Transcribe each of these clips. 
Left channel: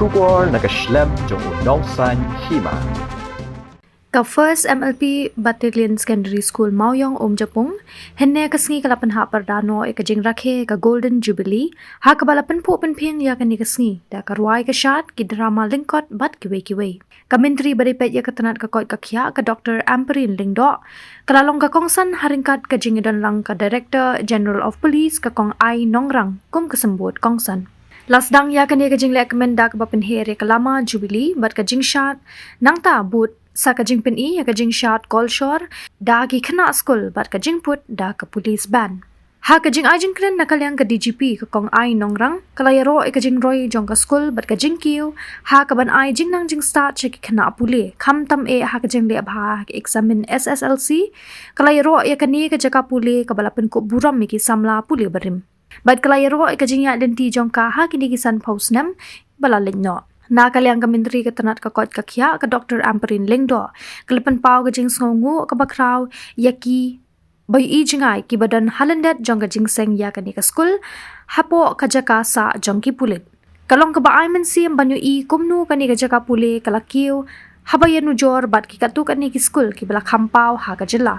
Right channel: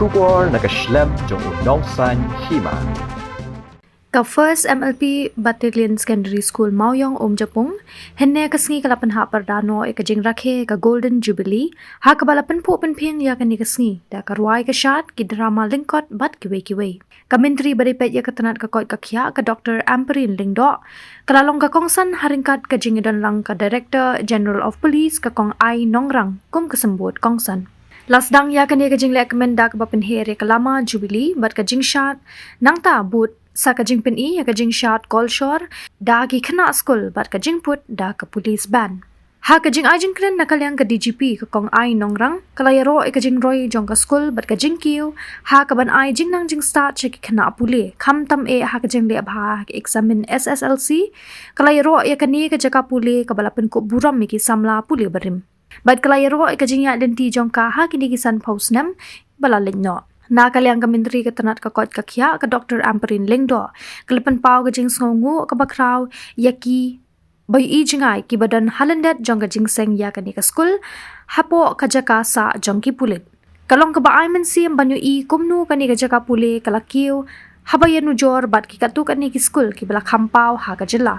Shubor nakaslem jong unongsan Hima. Ka First MLP Battalion Secondary School Mawïong Umjapung henne kasngi ka Pynhap Pyrda no ka Jingrakhe ka Golden Jubilee ha ka balapan po penping ya ka ni kasngi da ka ruai ka shat ki drama lingkot bat kiwe ka menteri baripet ya ka tanat ka koi ka khya ka Dr. Amperin Lingdo kalalong ka kongsan haringkat ka jingidan lang ka Director General of Police ka kong ai nongrang kum kesembut kongsan lasdang ya ka ni ka jinglek mendak ba penhere ka lama Jubilee bat ka jingshat nang ta but sa kajing pin ya kajing shot call shore da ki khana school bat kajing put da ka police ban ha kajing ajing kren nakalyang ka DGP ka kong ai nongrang kalayaro e kajing roy jong ka school bat kajing kiu ha ka ban ai jing nang jing start che ki khana puli kham tam e ha kajing le bha ki examine SSLC kalayaro e kani ka jaka puli ka balapan ko buram mi ki samla puli barim bat kalayaro e kajing ya denti jong ka ha kini ki san pausnam balalin no na kalyang ka menteri ka tanat ka kot ka khya ka Dr. Amperin Lingdo kalipan pau ka jing sngongu ka bakraw yaki boy i jingai ki badan halandet jong ka jing seng ya ka ni ka school hapo ka jaka sa jong ki pulit kalong ka ba ai men sim banyu i kumnu ka ni ka jaka puli kalakiu habayanu jor bat ki katu ka ni ki school ki bala khampau ha ka jela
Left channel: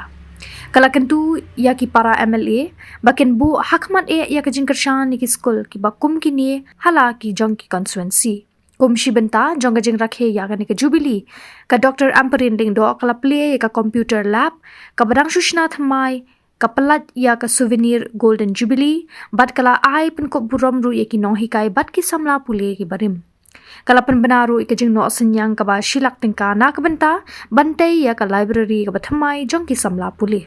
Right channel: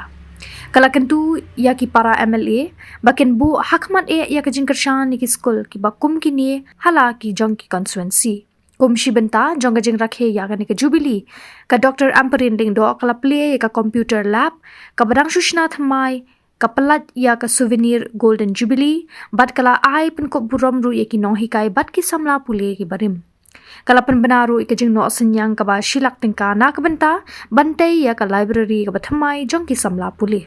kalakentu ya ki para MLA bakin bu hakmat e ya ka jing kershan ni ki school ki bakum ki ni hala ki jong ki constituency Kumshi benta jong ka Jingrakhe ya ka ni ka Jubilee ka Dr. Amperin Lingdo kala play ka computer lab ka badang sushna thamai ka palat ya ka souvenir Golden Jubilee bat kala ai pen ko buram ru ye ki nong hikai bat ki samla pule ki barim kala pen banaru ka jing no senyang ka ba shilak tingka na ka benta bantai ya ka library ka bathamai jong ki samla pule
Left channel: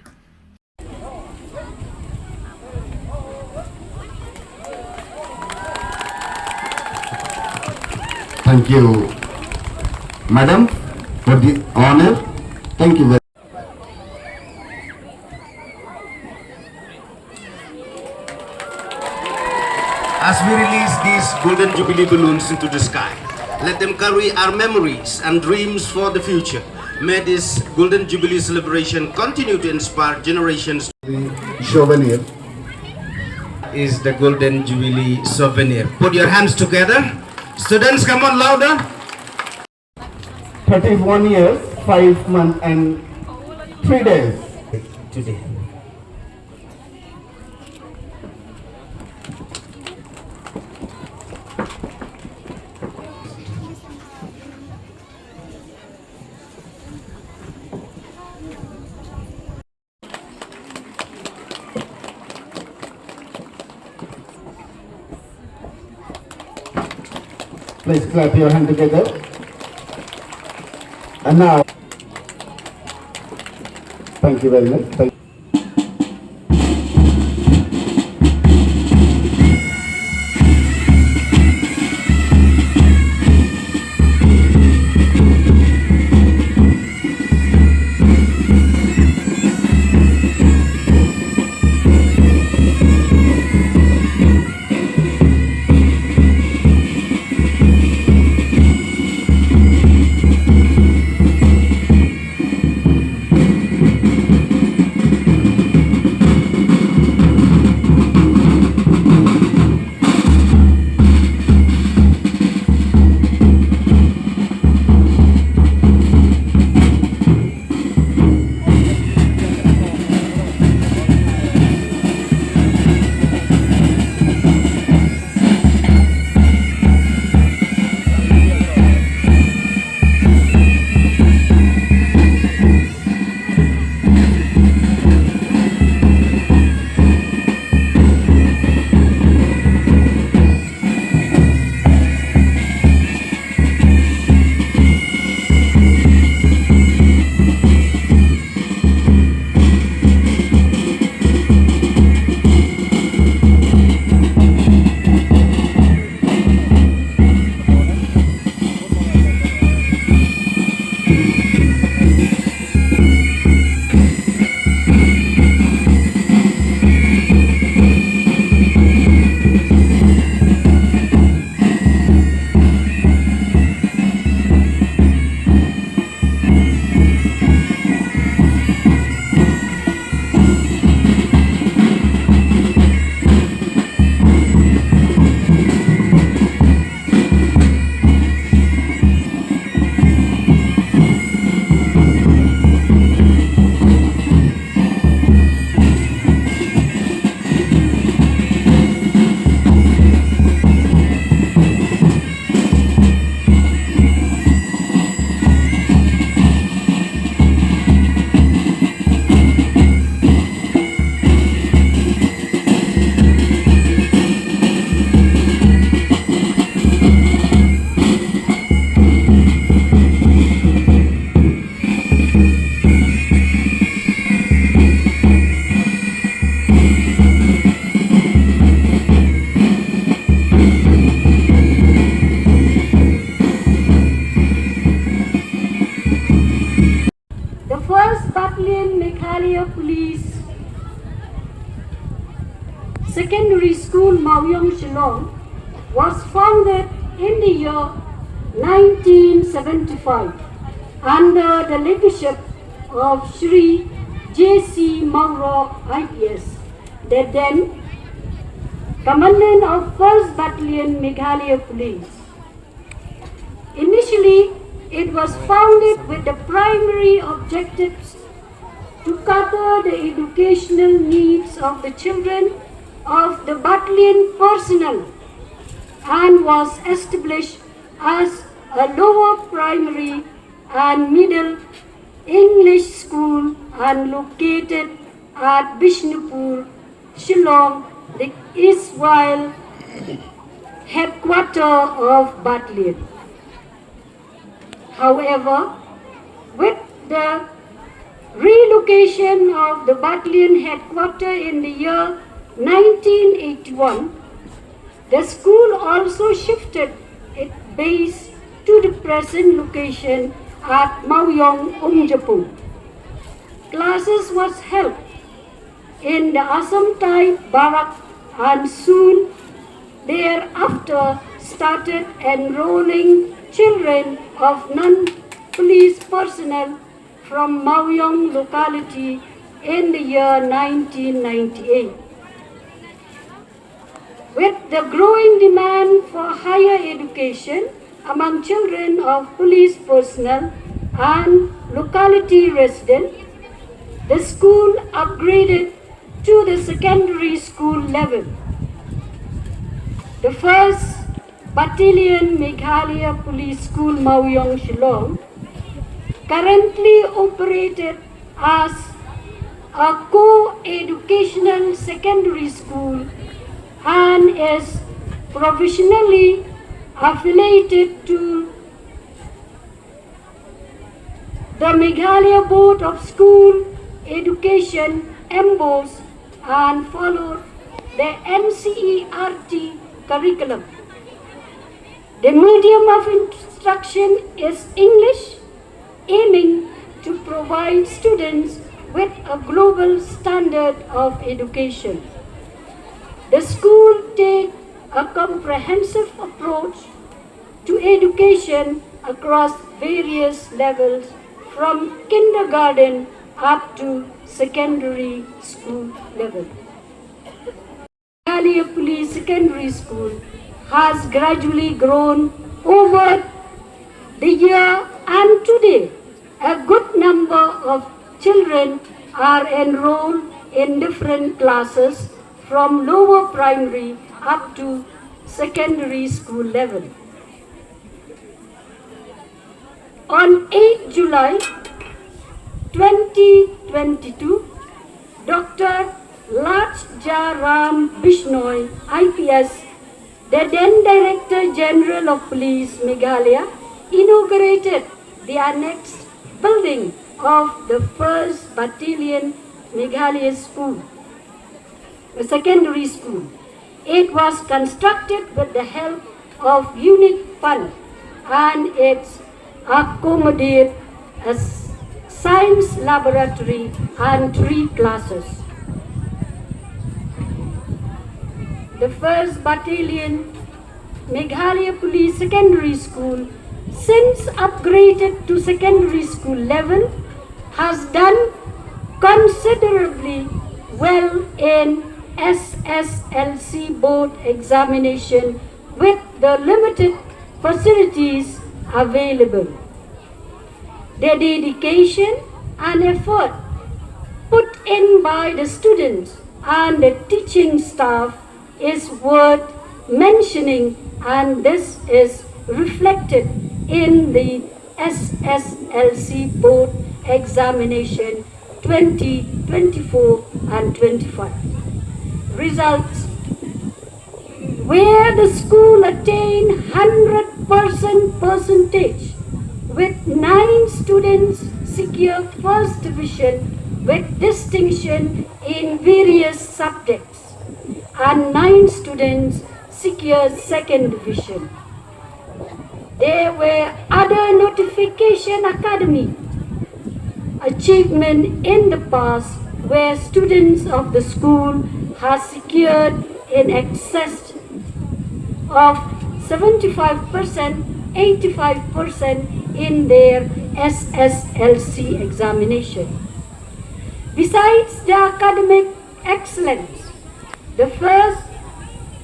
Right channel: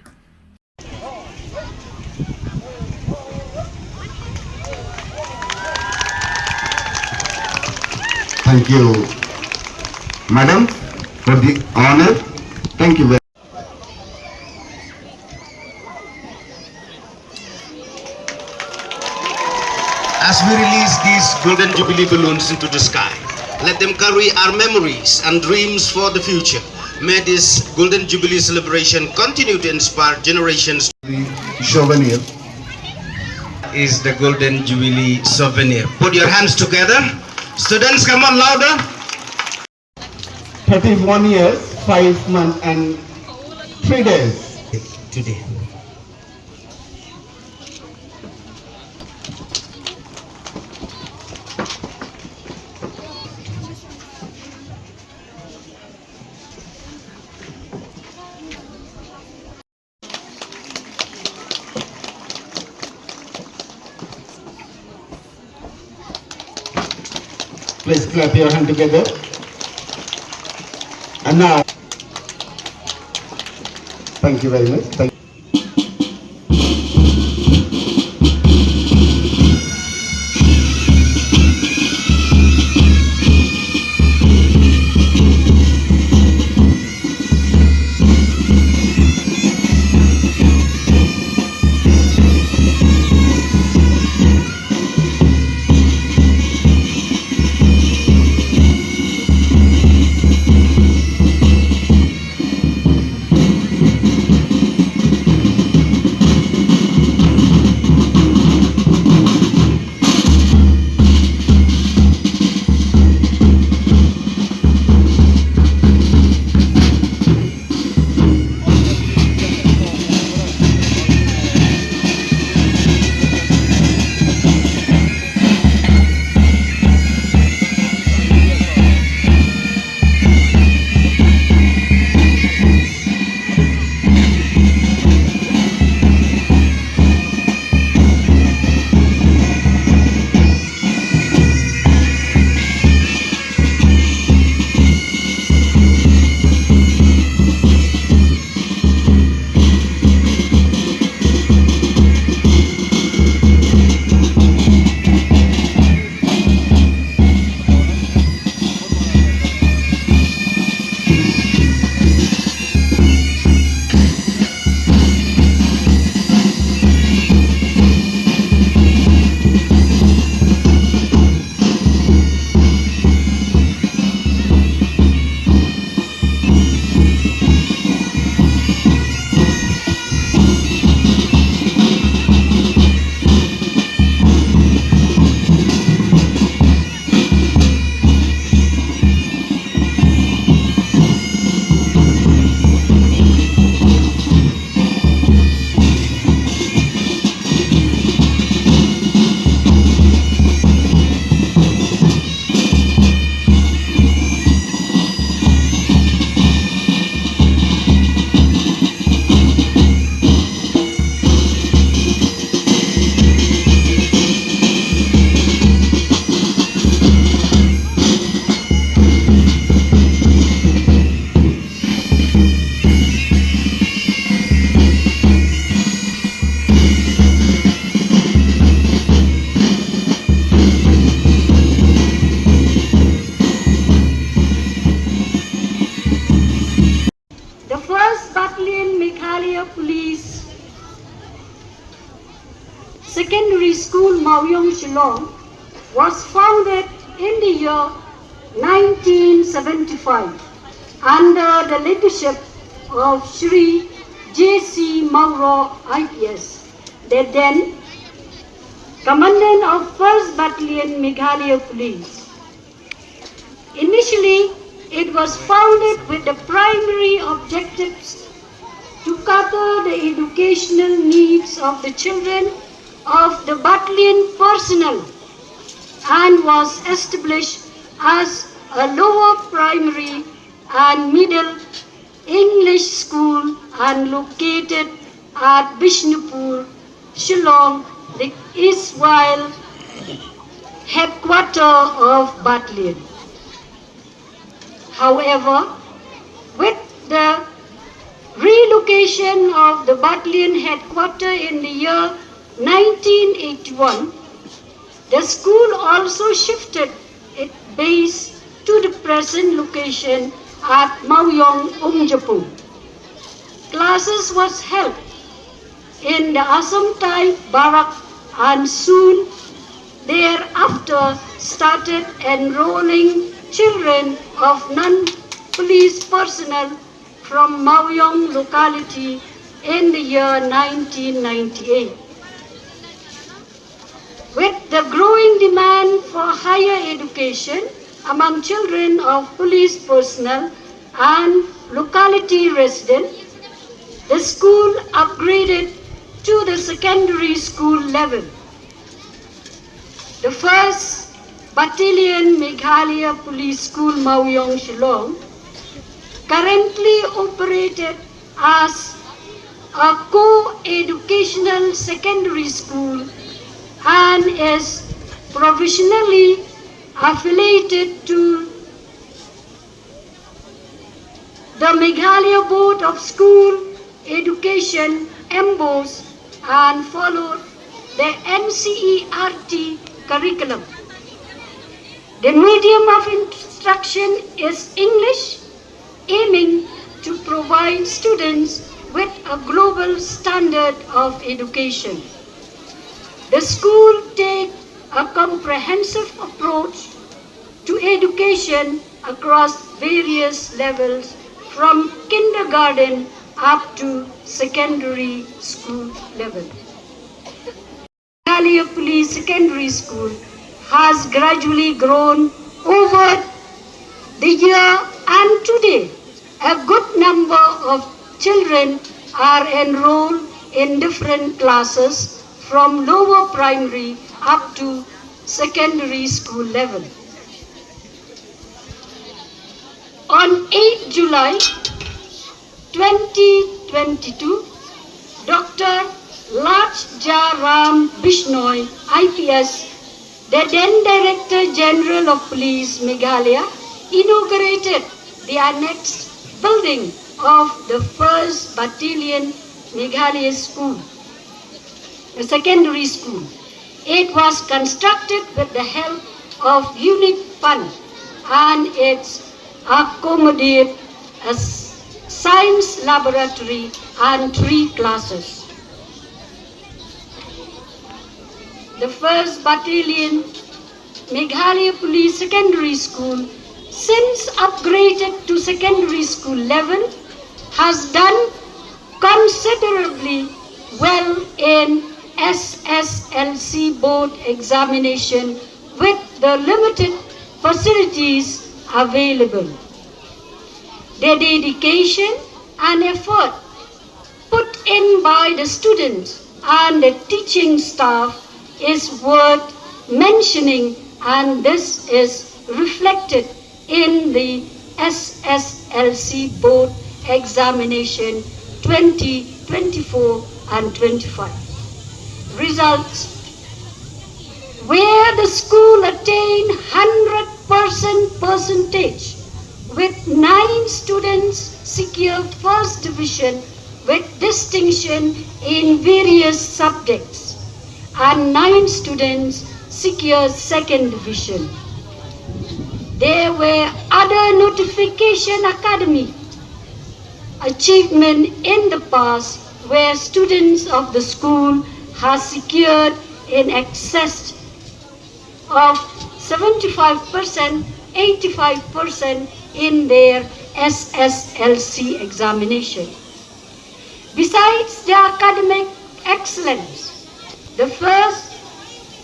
Thank you, Madam, for the honor. Thank you very much. As we release these Golden Jubilee balloons into the sky, let them carry our memories and dreams for the future. May this Golden Jubilee celebration continue to inspire generations. The souvenir Is the Golden Jubilee souvenir. Put your hands together. Students, come on louder. 31 years, 5 months and 3 days. Today. Please clap your hand together. And now, thank you very much. Thank in the year 1975 under the leadership of Shri J.C. Mawïong IPS, the then Commandant of 1st Battalion Meghalaya Police. Initially, it was founded with the primary objectives to cover the educational needs of the children of the battalion personnel and was established as a lower primary and middle English school and located at Bishnupur, Shillong, the erstwhile headquarters of battalion. However, with the relocation of the battalion headquarters in the year 1981, the school also shifted its base to the present location at Mawïong, Umjapung. Classes was held in the Assam type barrack and soon thereafter started enrolling children of non-police personnel from Mawïong locality in the year 1998. With the growing demand for higher education among children of police personnel and locality residents, the school upgraded to the secondary school level. The 1st Battalion Meghalaya Police School Mawïong Shillong currently operated as a co-educational secondary school and is provisionally affiliated to the Meghalaya Board of School Education (MBOS) and followed the NCERT curriculum. The medium of instruction is English, aiming to provide students with a global standard of education. The school takes a comprehensive approach to education across various levels from kindergarten up to secondary school level. Meghalaya Police Secondary School has gradually grown over the year, and today a good number of children are enrolled in different classes from lower primary up to secondary school level. On 8 July 2022, Dr. Lachja Ram Bishnoi, IPS, the then Director General of Police Meghalaya, inaugurated the annexed building of the 1st Battalion Meghalaya School, a secondary school. It was constructed with the help of Unique Fund and it accommodates a science laboratory and 3 classes. The 1st Battalion Meghalaya Police Secondary School, since upgraded to secondary school level, has done considerably well in SSLC board examination with the limited facilities available. The dedication and effort put in by the students and the teaching staff is worth mentioning, and this is reflected in the SSLC board examination 2024 and 25. Results: where the school attained 100% percentage with 9 students secured first division with distinction in various subjects and 9 students secured second division. There were other notification academy achievement in the past where students of the school have secured in excess of 75%, 85% in their SSLC examination. Besides the academic excellence, the 1st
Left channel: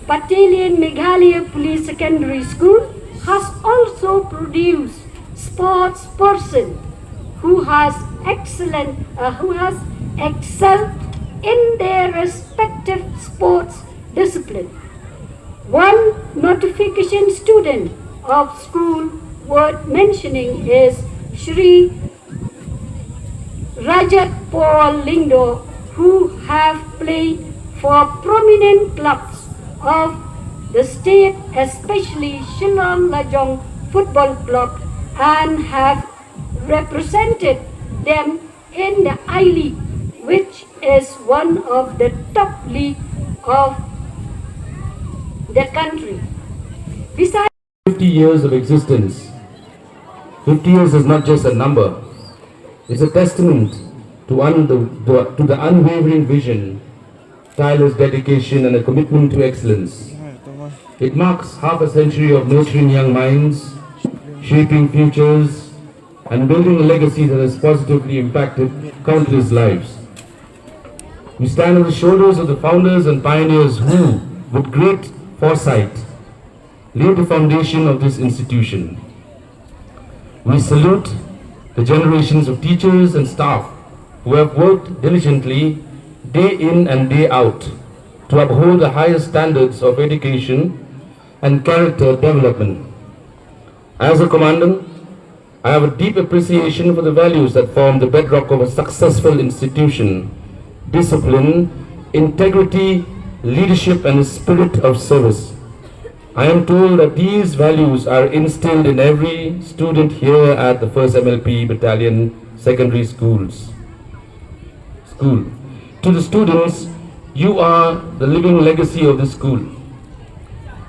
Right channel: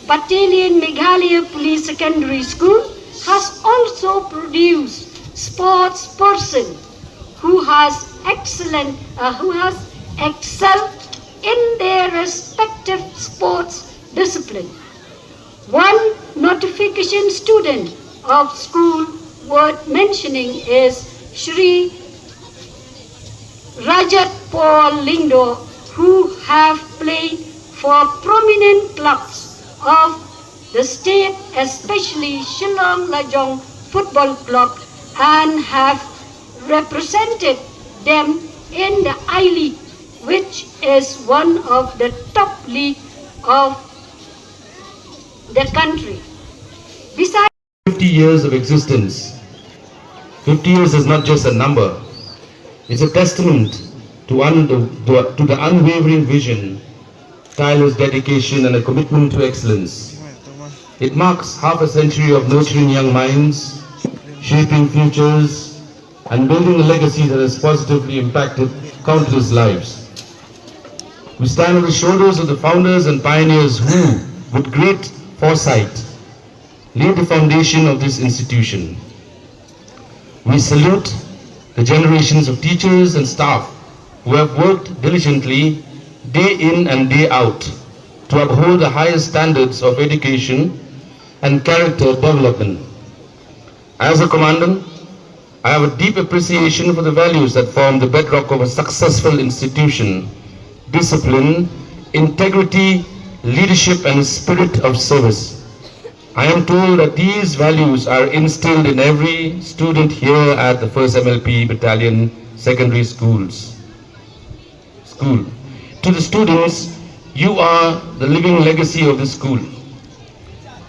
Battalion Meghalaya Police Secondary School has also produced sports person who has excelled in their respective sports discipline. One notification student of school worth mentioning is Shri Rajat Paul Lindo, who have played for prominent clubs of the state, especially Shillong Lajong Football Club, and have represented them in the I-League, which is one of the top league of the country. Besides 50 years of existence. 50 years is not just a number. It's a testament to the unwavering vision, tireless dedication and a commitment to excellence. It marks half a century of nurturing young minds, shaping futures and building a legacy that has positively impacted countless lives. We stand on the shoulders of the founders and pioneers who, with great foresight, laid the foundation of this institution. We salute the generations of teachers and staff who have worked diligently day in and day out to uphold the highest standards of education and character development. As a commandant, I have a deep appreciation for the values that form the bedrock of a successful institution: discipline, integrity, leadership, and a spirit of service. I am told that these values are instilled in every student here at the 1st MLP Battalion Secondary School. To the students, you are the living legacy of this school.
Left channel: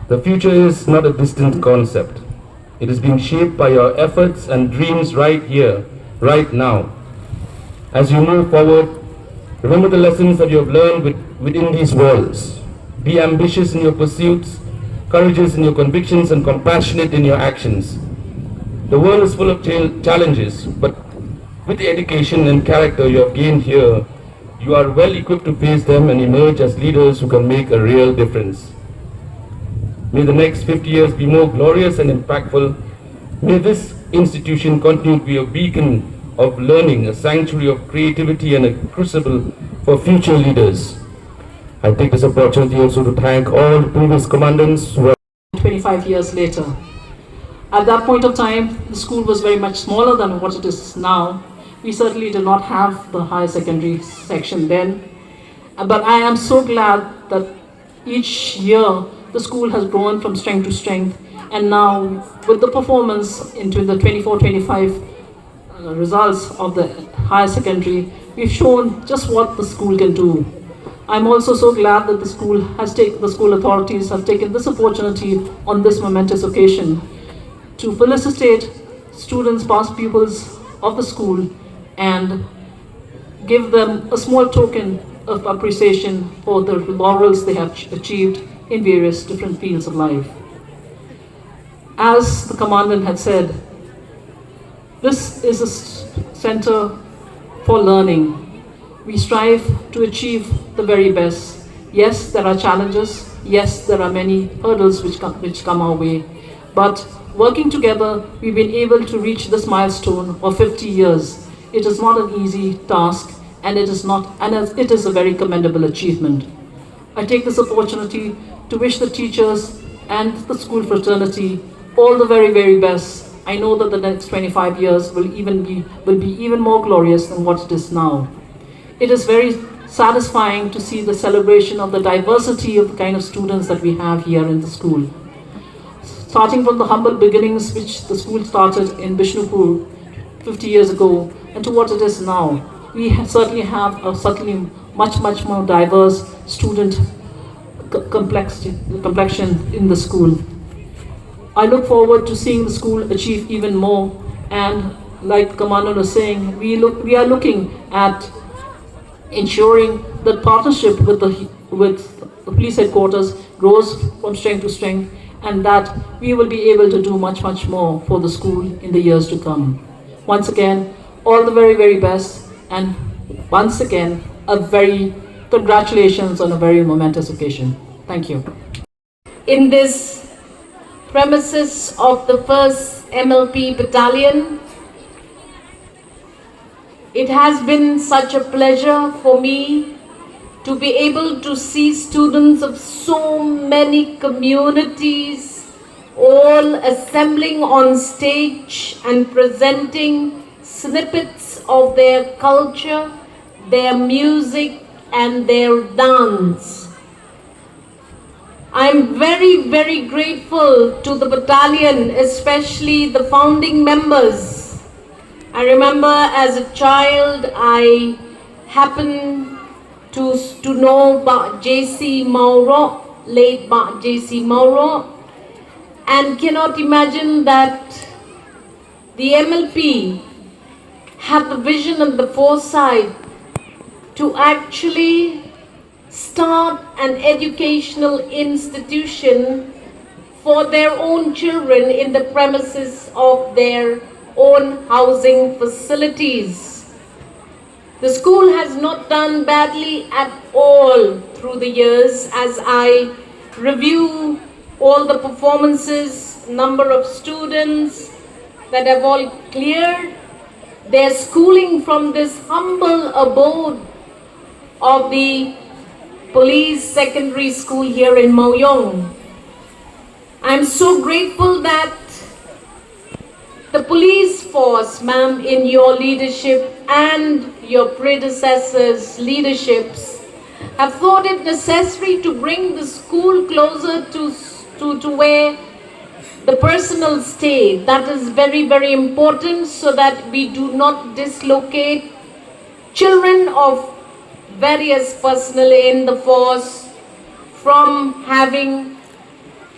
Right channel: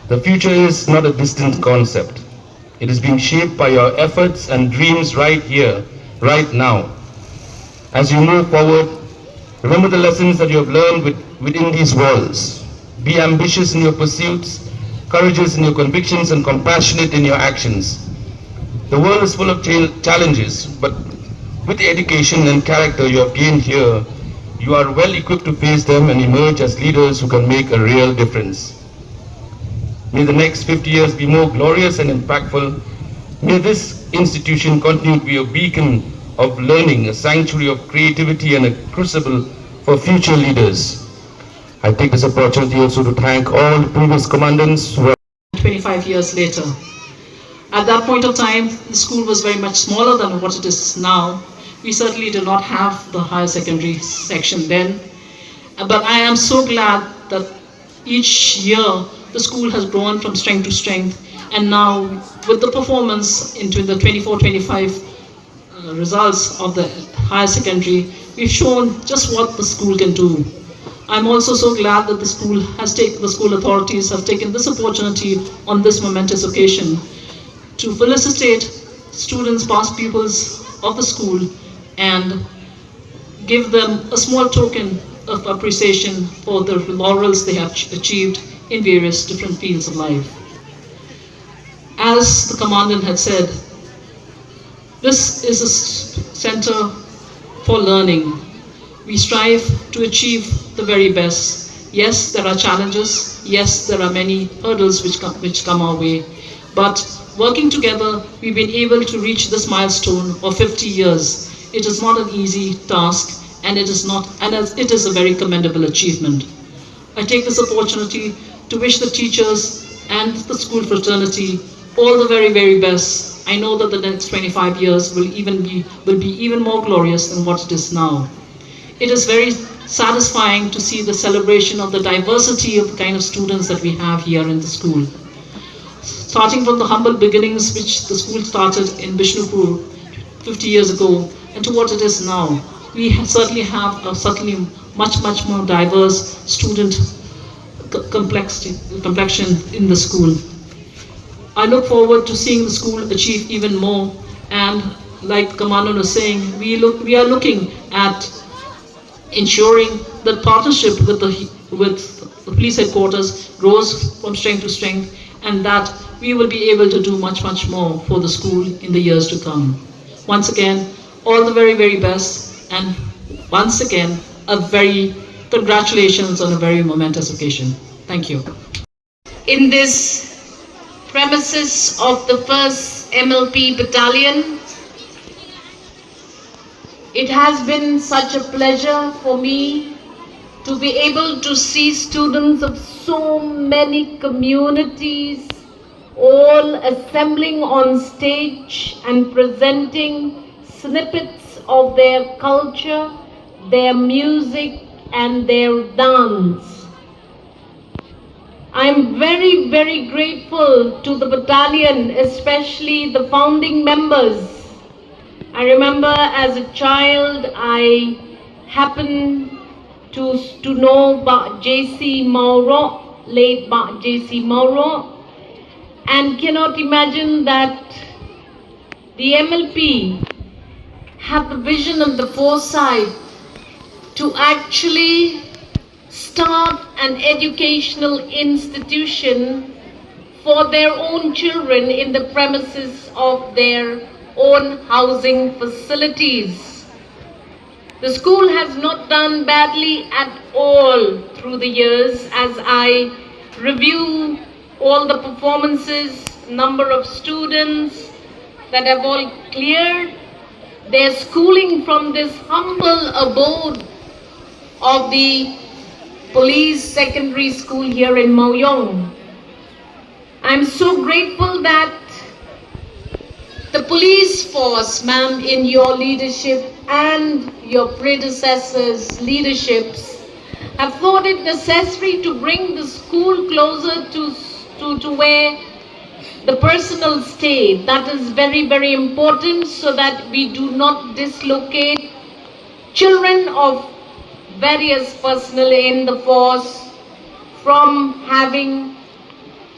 The future is not a distant concept. It is being shaped by your efforts and dreams right here, right now. As you move forward, remember the lessons that you have learned within these walls. Be ambitious in your pursuits, courageous in your convictions, and compassionate in your actions. The world is full of challenges, but with the education and character you have gained here, you are well equipped to face them and emerge as leaders who can make a real difference. May the next 50 years be more glorious and impactful. May this institution continue to be a beacon of learning, a sanctuary of creativity, and a crucible for future leaders. I take this opportunity also to thank all the previous commandants who have 25 years later. At that point of time, the school was very much smaller than what it is now. We certainly did not have the higher secondary section then. But I am so glad that each year the school has grown from strength to strength, and now with the performance into the 24-25 results of the higher secondary, we've shown just what the school can do. I'm also so glad that the school authorities have taken this opportunity on this momentous occasion to felicitate students, past pupils of the school, and give them a small token of appreciation for the laurels they have achieved in various different fields of life. As the Commandant had said, this is a center for learning. We strive to achieve the very best. Yes, there are challenges. Yes, there are many hurdles which come our way. But working together, we've been able to reach this milestone of 50 years. It is not an easy task, and it is a very commendable achievement. I take this opportunity to wish the teachers and the school fraternity all the very, very best. I know that the next 25 years will be even more glorious than what it is now. It is very satisfying to see the celebration of the diversity of the kind of students that we have here in the school. Starting from the humble beginnings which the school started in Bishnupur 50 years ago, and to what it is now, we certainly have a much more diverse student complexion in the school. I look forward to seeing the school achieve even more, and like Commandant was saying, we are looking at ensuring that partnership with the police headquarters grows from strength to strength, and that we will be able to do much, much more for the school in the years to come. Once again, all the very, very best, and once again, a very congratulations on a very momentous occasion. Thank you. In this premises of the 1st MLP Battalion, it has been such a pleasure for me to be able to see students of so many communities all assembling on stage and presenting snippets of their culture, their music and their dance. I'm very, very grateful to the battalion, especially the founding members. I remember as a child, I happened to know about J.C. Mauro, late J.C. Mauro, and cannot imagine that the MLP had the vision and the foresight to actually start an educational institution for their own children in the premises of their own housing facilities. The school has not done badly at all through the years. As I review all the performances, number of students that have all cleared their schooling from this humble abode of the police secondary school here in Mawïong. I'm so grateful that the police force, ma'am, in your leadership and your predecessors' leaderships have thought it necessary to bring the school closer to where the personnel stay. That is very, very important so that we do not dislocate children of various personnel in the force from having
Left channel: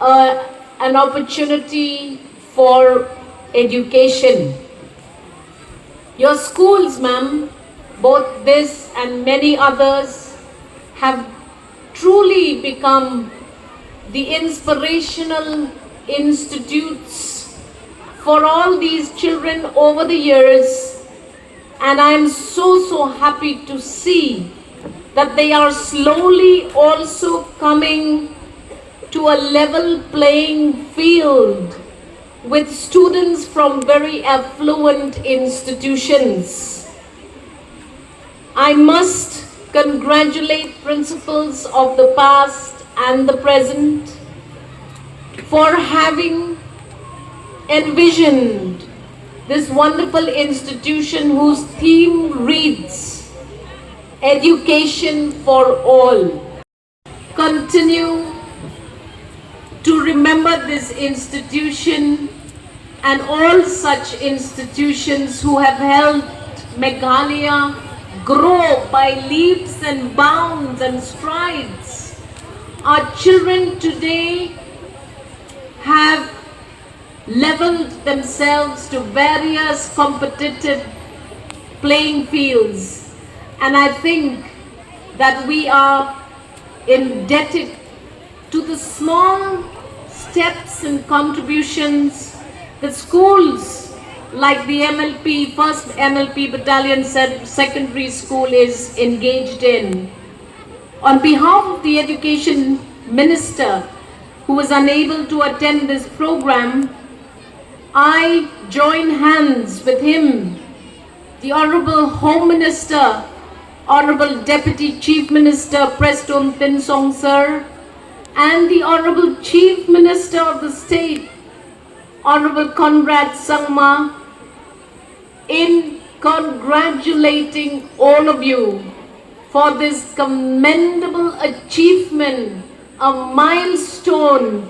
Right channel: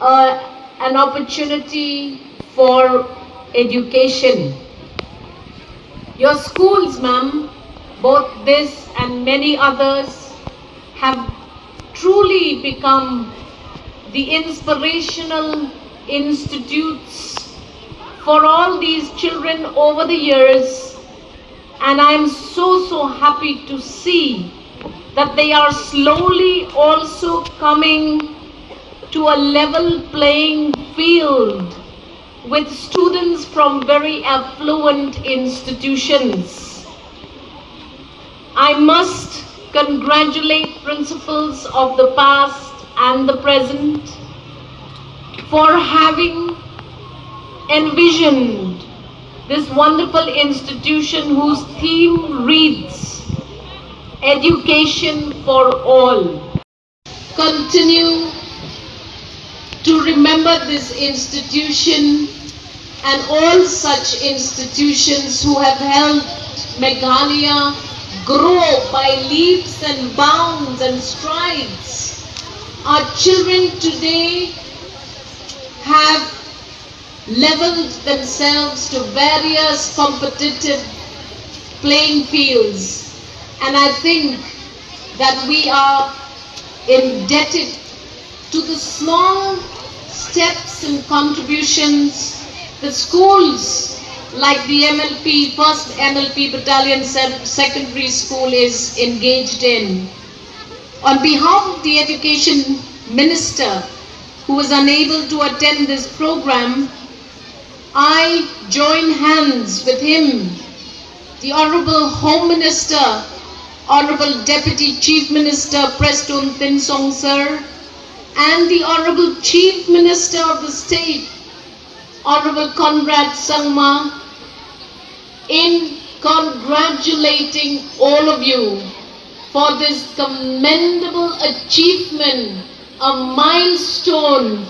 an opportunity for education. Your schools, ma'am, both this and many others, have truly become the inspirational institutes for all these children over the years, and I'm so happy to see that they are slowly also coming to a level playing field with students from very affluent institutions. I must congratulate principals of the past and the present for having envisioned this wonderful institution whose theme reads, Education for All. Continue to remember this institution and all such institutions who have helped Meghalaya grow by leaps and bounds and strides. Our children today have leveled themselves to various competitive playing fields, and I think that we are indebted to the small steps and contributions that schools like the MLP, first MLP Battalion Secondary School is engaged in. On behalf of the Education Minister, who was unable to attend this program, I join hands with him, the Honorable Home Minister, Honorable Deputy Chief Minister Preston Thinsong Sir, and the Honorable Chief Minister of the State, Honorable Conrad Sangma, in congratulating all of you for this commendable achievement, a milestone,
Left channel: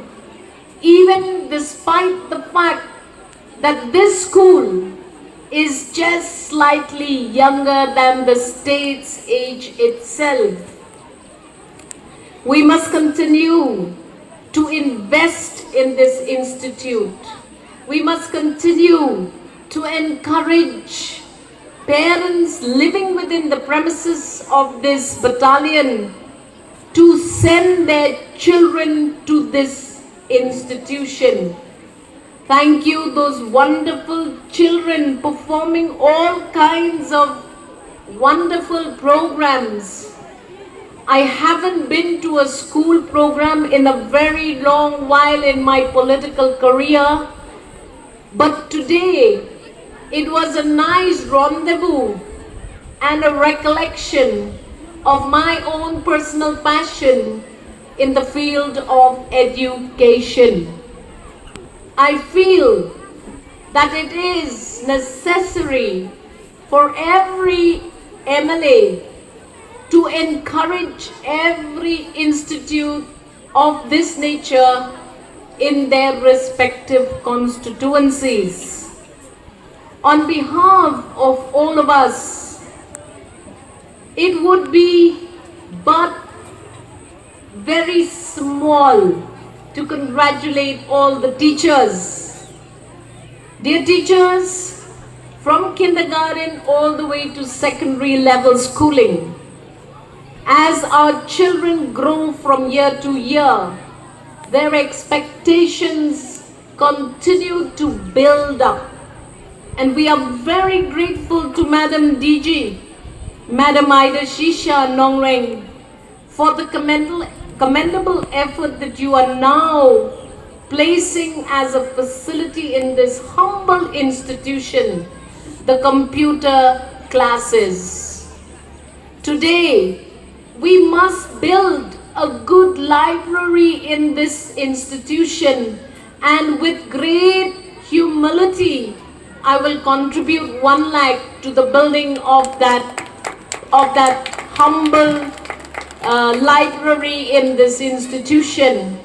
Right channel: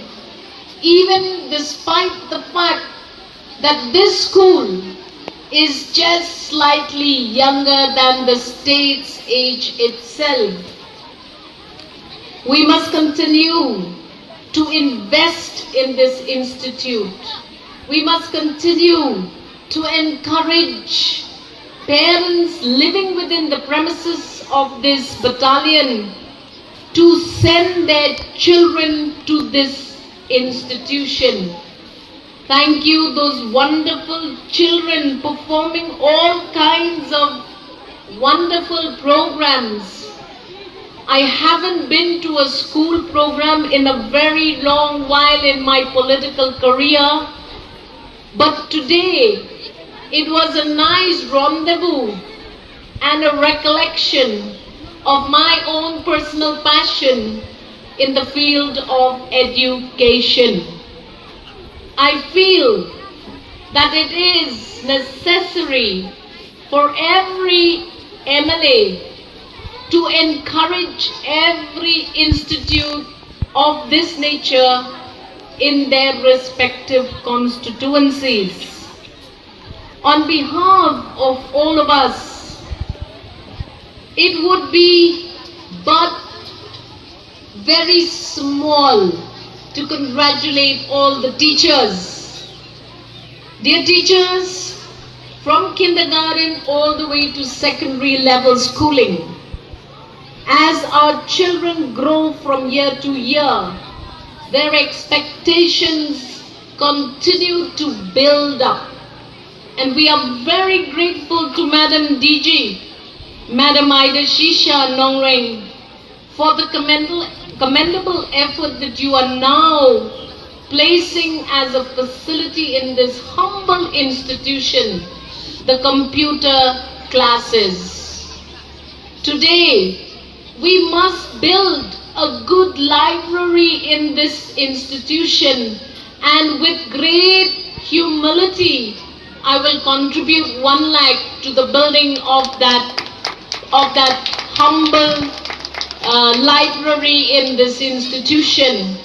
even despite the fact that this school is just slightly younger than the state's age itself. We must continue to invest in this institute. We must continue to encourage parents living within the premises of this battalion to send their children to this institution. Thank you, those wonderful children performing all kinds of wonderful programs. I haven't been to a school program in a very long while in my political career, but today it was a nice rendezvous and a recollection of my own personal passion in the field of education. I feel that it is necessary for every MLA to encourage every institute of this nature in their respective constituencies. On behalf of all of us, it would be but very small to congratulate all the teachers. Dear teachers, from kindergarten all the way to secondary level schooling, as our children grow from year to year, their expectations continue to build up. And we are very grateful to Madam DG, Madam Ida Shisha Nongring, for the commendable effort that you are now placing as a facility in this humble institution, the computer classes. Today, we must build a good library in this institution, and with great humility, I will contribute 1 lakh to the building of that humble library in this institution.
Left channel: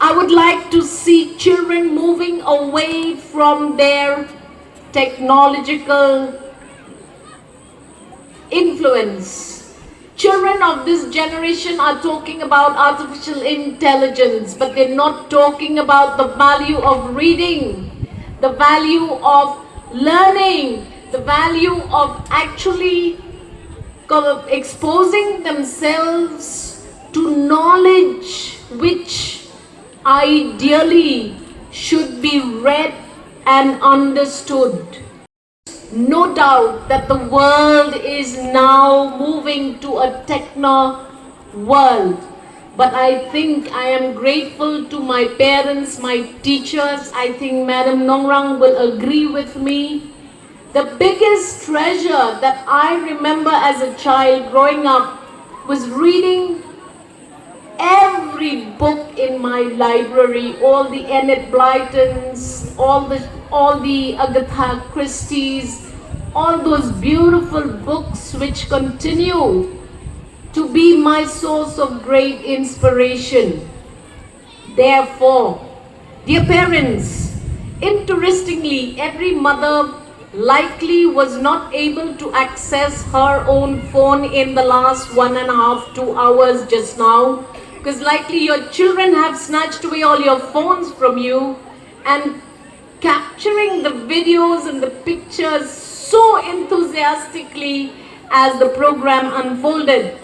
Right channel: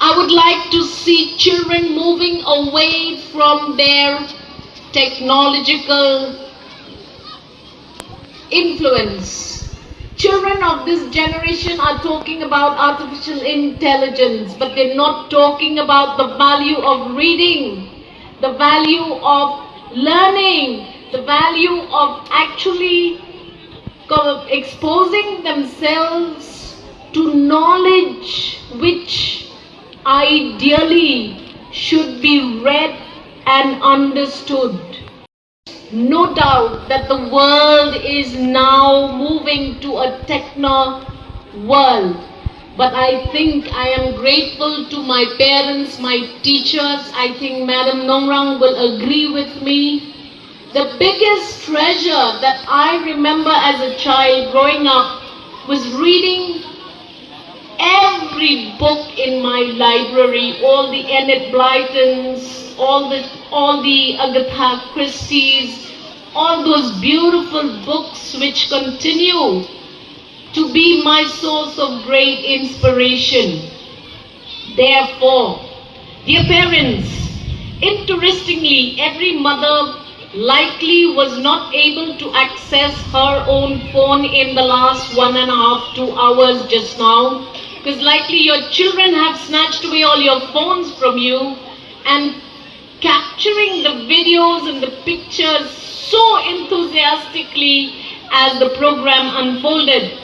I would like to see children moving away from their technological influence. Children of this generation are talking about artificial intelligence, but they're not talking about the value of reading, the value of learning, the value of actually exposing themselves to knowledge which ideally should be read and understood. No doubt that the world is now moving to a techno world, but I think I am grateful to my parents, my teachers. I think Madam Nongrang will agree with me. The biggest treasure that I remember as a child growing up was reading every book in my library, all the Enid Blytons, all the Agatha Christie's, all those beautiful books which continue to be my source of great inspiration. Therefore, dear parents, interestingly, every mother likely was not able to access her own phone in the last 1.5 to 2 hours just now, because likely your children have snatched away all your phones from you and capturing the videos and the pictures so enthusiastically as the program unfolded.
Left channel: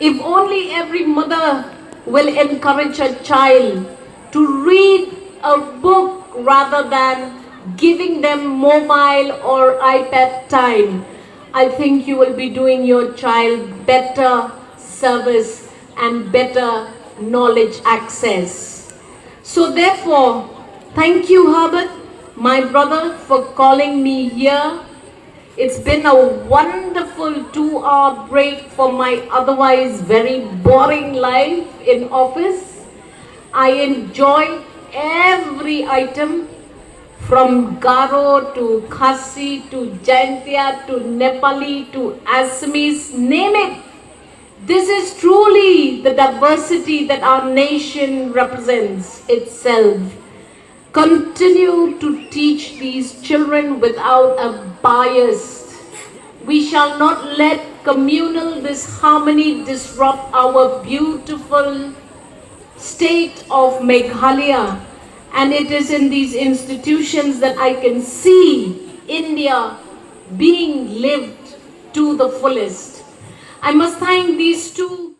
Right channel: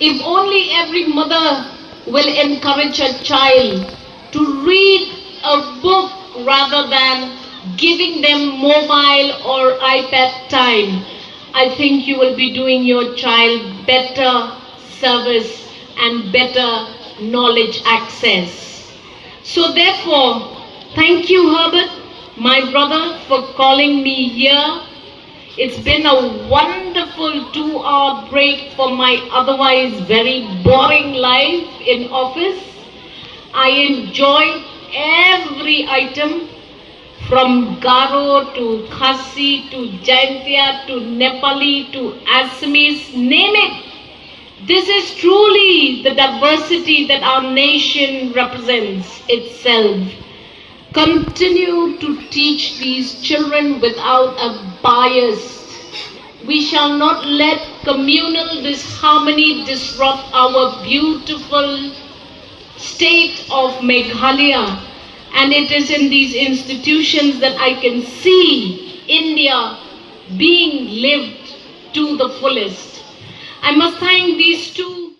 If only every mother will encourage her child to read a book rather than giving them mobile or iPad time, I think you will be doing your child better service and better knowledge access. So therefore, thank you, Herbert, my brother, for calling me here. It's been a wonderful 2-hour break from my otherwise very boring life in office. I enjoyed every item, from Garo to Khasi to Jaintia to Nepali to Assamese, name it. This is truly the diversity that our nation represents itself. Continue to teach these children without a bias. We shall not let communal disharmony disrupt our beautiful state of Meghalaya. And it is in these institutions that I can see India being lived to the fullest. I must thank these two